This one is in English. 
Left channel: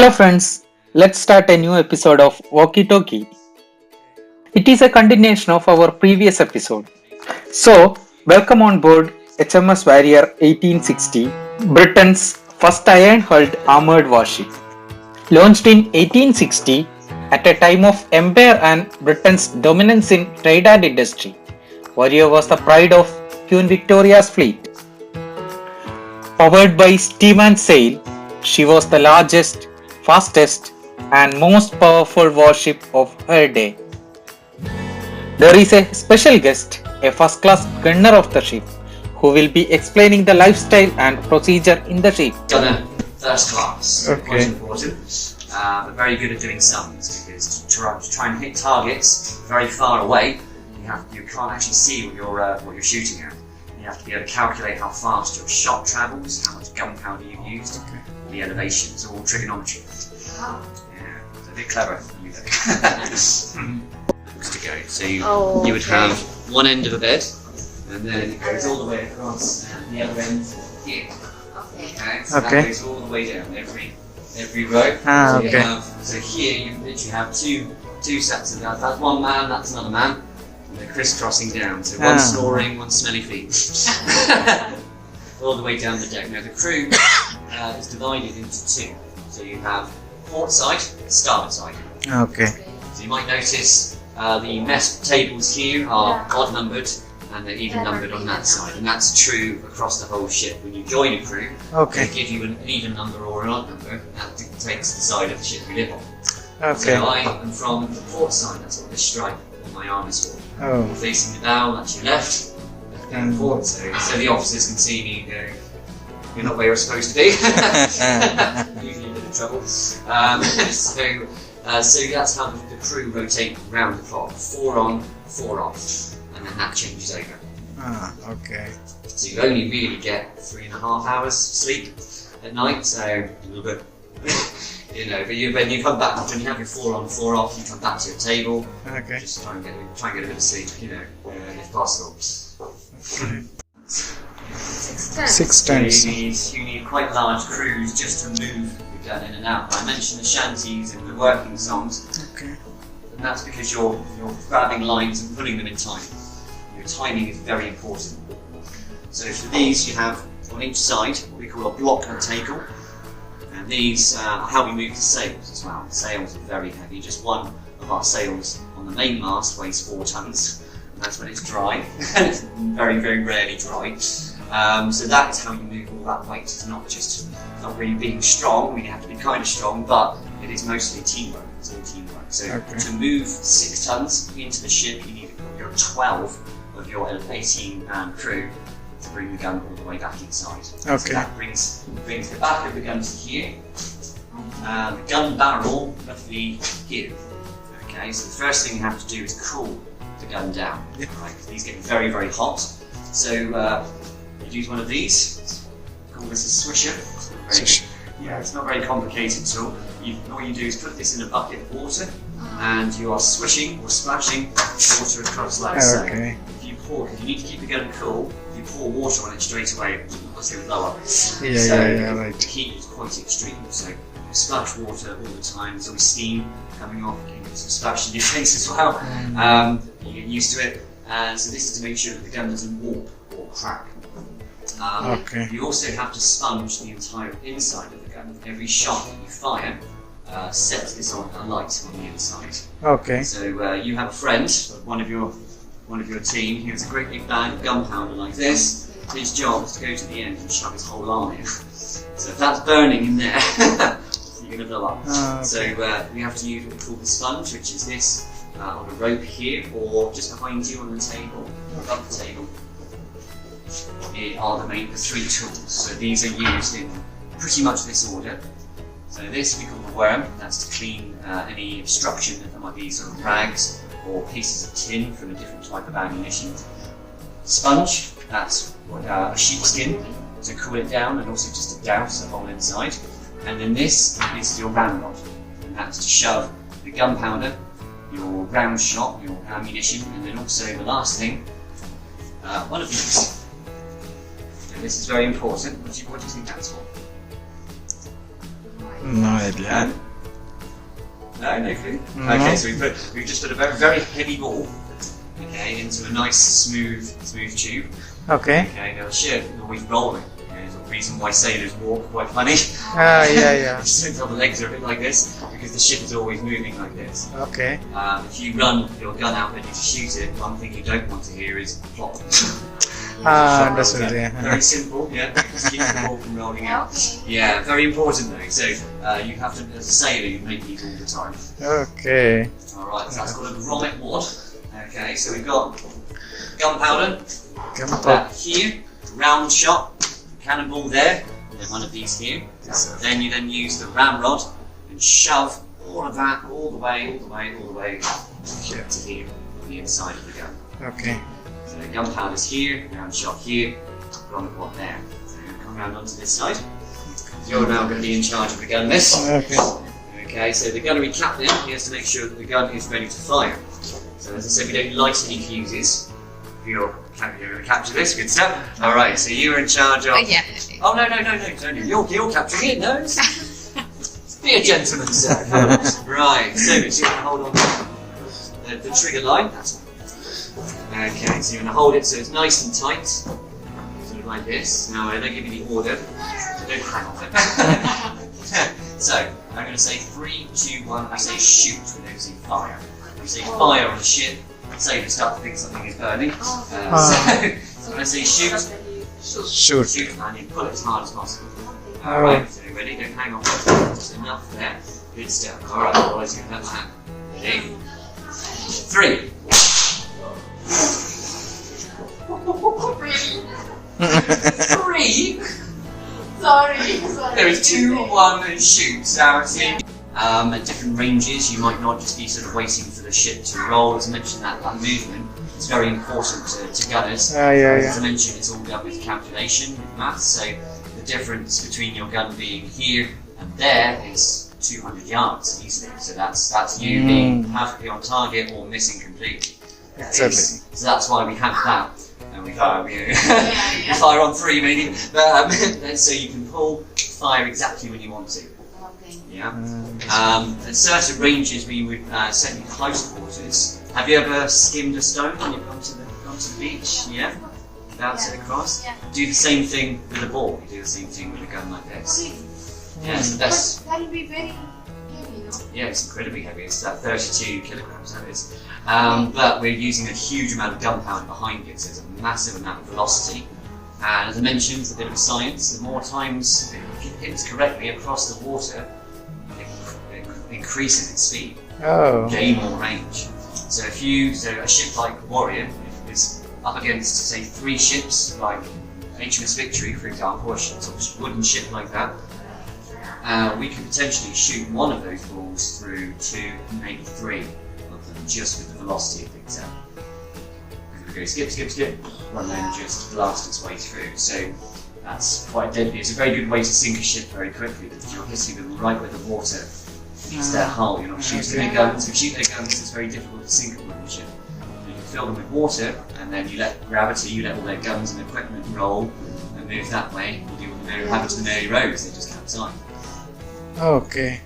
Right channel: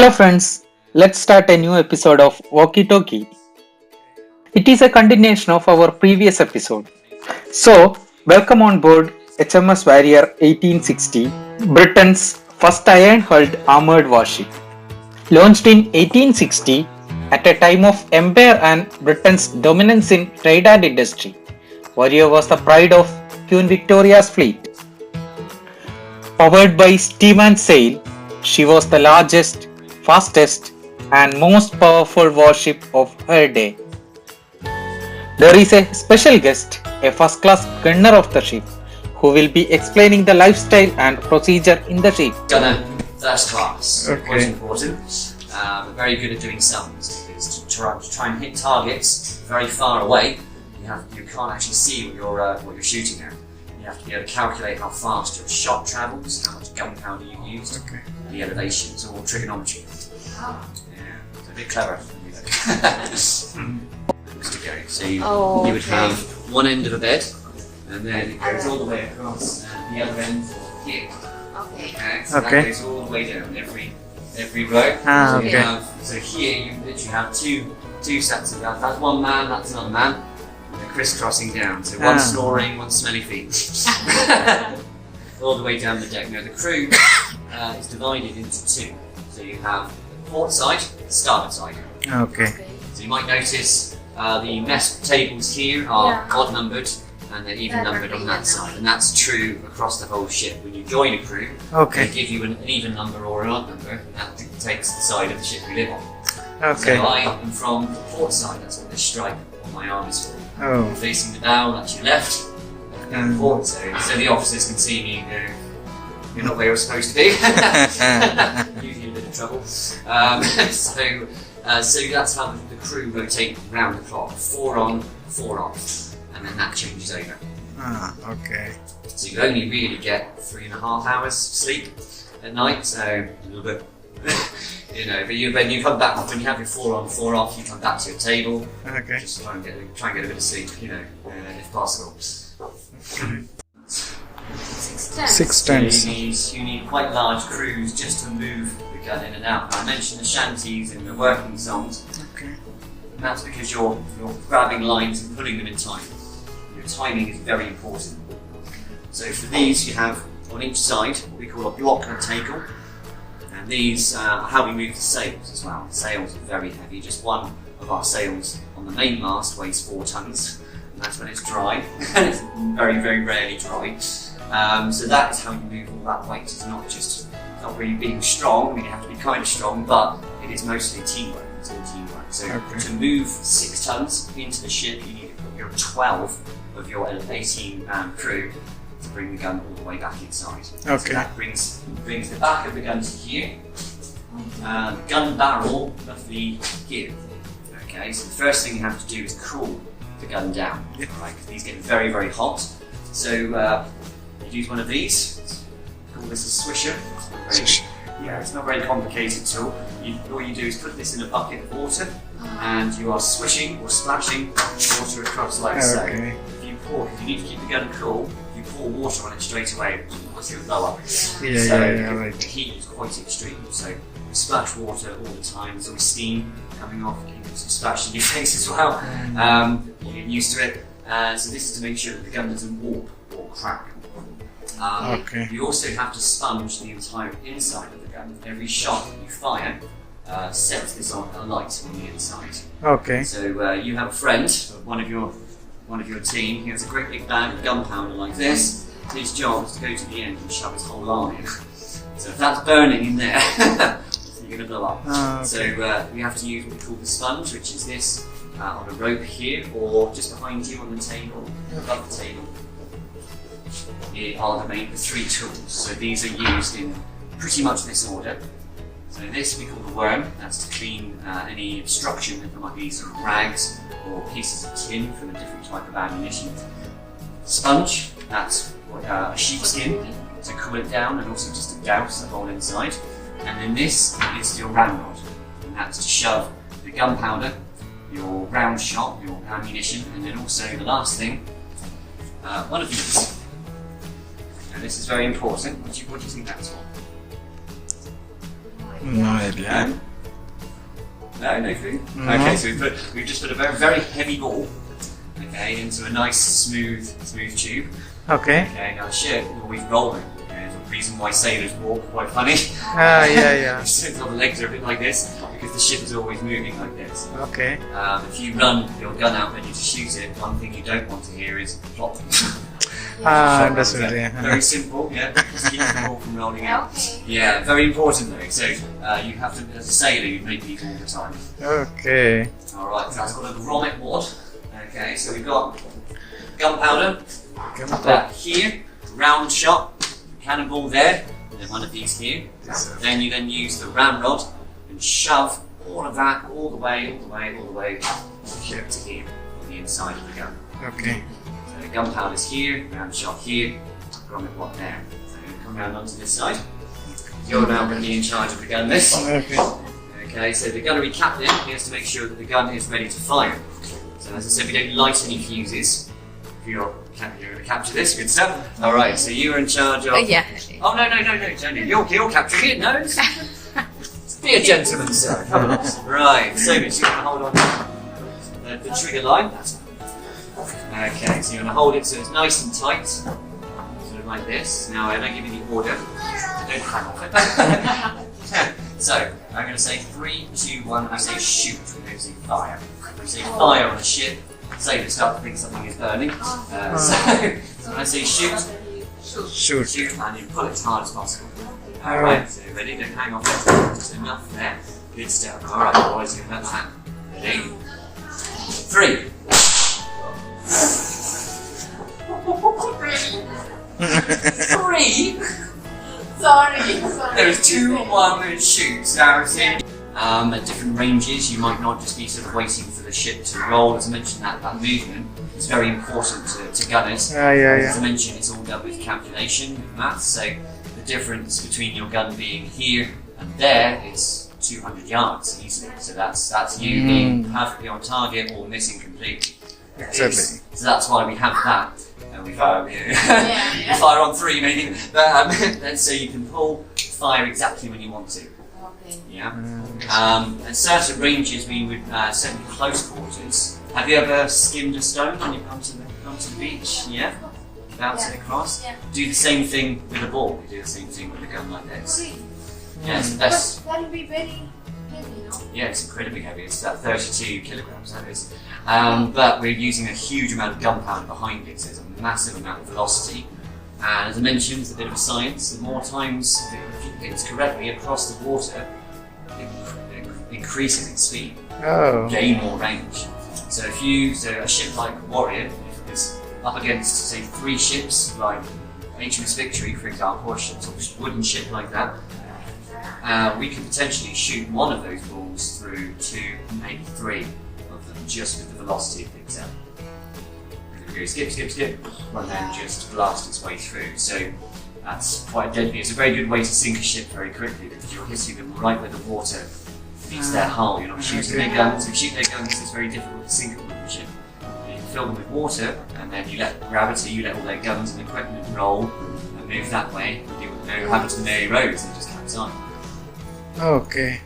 Hello friends, let's start a new episode of Walkie Talkie. It is a continuation of our previous episode. So, welcome on board HMS Warrior 1860, Britain's first iron-hulled armoured warship. Launched in 1860, at a time of empire and Britain's dominance in trade and industry, Warrior was the pride of Queen Victoria's fleet. Powered by steam and sail, she was the largest, fastest, and most powerful warship of her day. There is a special guest, a first-class gunner of the ship, who will be explaining the lifestyle and procedure in the ship. Gunner first class, Okay. quite important, but very good at doing sums, because to try and hit targets very far away, you can't actually see what you're shooting at. You have to be able to calculate how fast your shot travels, how much gunpowder you've used, the elevation. It's all trigonometry. Yeah, it's a bit clever. Looks to go. So you would have one end of a bed, and then it goes all the way across the other end here. Okay, so that goes all the way down every row. So here you literally have two sets of that. That's one man, that's another man. And they're crisscrossing down. So one snoring, one smelly feet. All the way down the deck. Now the crew is divided into two. So you have the port side, the starboard side. Okay. So you might notice the mess tables here are odd numbered and they're even numbered on that side. And that's true across the whole ship. When you join a crew, they give you an even number or an odd number, and that dictates the side of the ship you live on. Okay. So I am from the port side, that's what this stripe on my arm is for. Oh. Facing the bow, that's your left. And port, so the officers can see me and go, you're not where you're supposed to be. Usually in a bit of trouble. So that's how the crew rotate round the clock. 4 on, 4 off. And then that changes over. Okay. So you only really get 3.5 hours sleep at night, so a little bit, but when you come back, when you have your 4 on, 4 off, you come back to your table. Okay. Just try and get a bit of sleep, if possible. 6 tons. So you need quite large crews just to move the gun in and out. I mentioned the shanties and the working songs. Okay. And that's because you're grabbing lines and putting them in time. Your timing is very important. So for these, you have on each side what we call a block and tackle. And these are how we move the sails as well. The sails are very heavy. Just one of our sails on the main mast weighs 4 tons. And that's when it's dry. And it's very, very rarely dry. So that is how you move all that weight. It's not really being strong. I mean, you have to be kind of strong, but it is mostly teamwork. It's all teamwork. So to move 6 tons into the ship, you need your 12 of your 18 crew to bring the gun all the way back inside. Okay. So that brings the back of the gun to here. The gun barrel roughly here. Okay, so the first thing you have to do is cool the gun down. Right, because these get very, very hot. So you use one of these. Call this a swisher. It's not very complicated at all. All you do is put this in a bucket of water, and you are swishing or splashing water across like so. If you need to keep the gun cool, if you pour water on it straight away, it will blow up. Right. The heat is quite extreme, so you splash water all the time. There's always steam coming off, you can get some splash in your face as well. You get used to it. So this is to make sure that the gun doesn't warp or crack. You also have to sponge the entire inside of the gun. Every shot that you fire sets this on a light on the inside. Okay. So you have a friend, one of your team. He has a great big bag of gunpowder like this. His job is to go to the end and shove his whole arm in. So if that's burning in there, you're going to blow up. So you have to use what we call the sponge, which is this on a rope here, or just behind you on the table, above the table. Here are the 3 tools. So these are used in pretty much this order. So this we call the worm. That's to clean any obstruction that there might be sort of rags or pieces of tin from a different type of ammunition. Sponge, that's a sheepskin to cool it down and also just to douse the hole inside. And then this is your ramrod, and that's to shove the gunpowder, your round shot, your ammunition, and then also the last thing, one of these. And this is very important. What do you think that's for? No idea. No clue? No. Okay, so we've just put a very, very heavy ball, okay, into a nice smooth tube. Okay. Okay, now the ship is always rolling. There's a reason why sailors walk quite funny. Ah, yeah. Since all the legs are a bit like this, because the ship is always moving like this. Okay. If you run your gun out ready to shoot it, one thing you don't want to hear is plop. Ah, understood. Very Yeah. simple, yeah. Just keep the ball from rolling out. Yeah, very important though. So you have to, as a sailor, you make these all the time. Okay. All right, so that's got a grommet wad. Okay, so we've got gunpowder. Here, round shot, cannonball there, and then one of these here. Then you use the ramrod and shove all of that all the way Here. to here on the inside of the gun. Okay. So the gunpowder's here, round shot here, grommet wad there. So you're going to come round onto this side. You're now going to be in charge of the gun this. Okay. Okay, so the gunnery captain, he has to make sure that the gun is ready to fire. So as I said, we don't light any fuses. You're going to capture this, good stuff. All right, so you're in charge of. Yeah. Oh no! You're capturing it. No, be a gentleman, sir. Come on. Right, so you're going to hold on the trigger line. That's okay. So you're going to hold it so it's nice and tight, sort of like this. Now I'm going to give you the order. So don't hang off it. So I'm going to say 3, 2, 1. I say shoot. We don't say fire. We say fire on a ship. Sailors start to think something is burning. So when I say shoot, Shoot. and you pull it as hard as possible. Alright, so ready? Don't hang on. Just enough there. Good stuff. Alright, boys, you can have that. Ready? 3. Three? Sorry. There's 2, 1, and shoot. Now, at different ranges, you might not just be sort of waiting for the ship to roll. As I mentioned, that movement is very important to gunners. As I mentioned, it's all done with calculation, with maths. So the difference between your gun being here and there is 200 yards easily. So that's you being perfectly on target or missing completely. Exactly. So that's why we have that. And we fire, we fire on 3 maybe. But so you can fire exactly when you want to. Yeah. At certain ranges, we would certainly close quarters. Have you ever skimmed a stone when you've gone to the beach? Yeah. Bounce it across. Yeah. Do the same thing with a ball. We do the same thing with a gun like this. Yeah, it's the best. That'll be very heavy, no? Yeah, it's incredibly heavy. It's that 32 kilograms. That is. But we're using a huge amount of gunpowder behind it, so there's a massive amount of velocity. And as I mentioned, it's a bit of a science. The more times if you hit correctly across the water, it increases its speed, gain more range. So a ship like Warrior, if it was up against, say, 3 ships like HMS Victory, for example, or a wooden ship like that, we could potentially shoot one of those balls through 2, maybe 3 of them, just with the velocity it picks up. And it goes skip, and then just blast its way through. So that's quite deadly. It's a very good way to sink a ship very quickly, because you're hitting them right where the water meets their hull. You're not shooting their guns. If you shoot their guns, it's very difficult to sink a wooden ship. You can fill them with water, and then you let gravity, you let all their guns and equipment roll and move that way. And do what they happen to the Mary Rose, they just capsize. Okay.